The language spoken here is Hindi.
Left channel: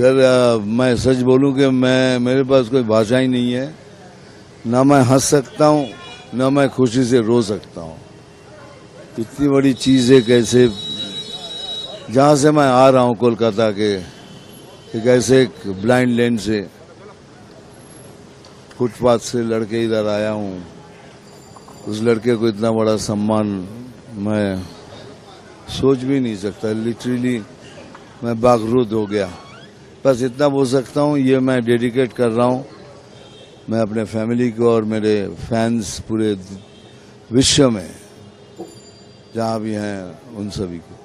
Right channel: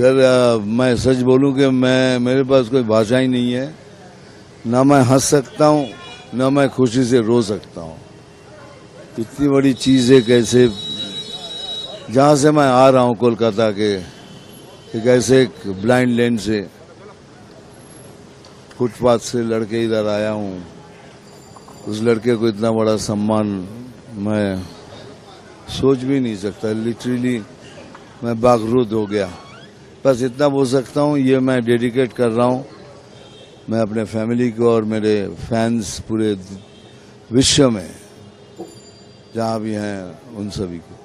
सर मैं सच बोलूं कि मेरे पास कोई भाषा ही नहीं है। ना मैं हंस सकता हूं, ना मैं खुशी से रो सकता हूं। इतनी बड़ी चीज़ है, कैसे जहां से मैं आ रहा हूं कोलकाता के एक ऐसे एक ब्लाइंड लेन से फुटपाथ से लड़के इधर आया हूं। उस लड़के को इतना बड़ा सम्मान मैं सोच भी नहीं सकता। लिटरली मैं बागरूद हो गया। बस इतना बोल सकता हूँ, ये मैं डेडिकेट कर रहा हूँ मैं अपने फैमिली को और मेरे फैंस पूरे विश्व में जहाँ भी हैं उन सभी को।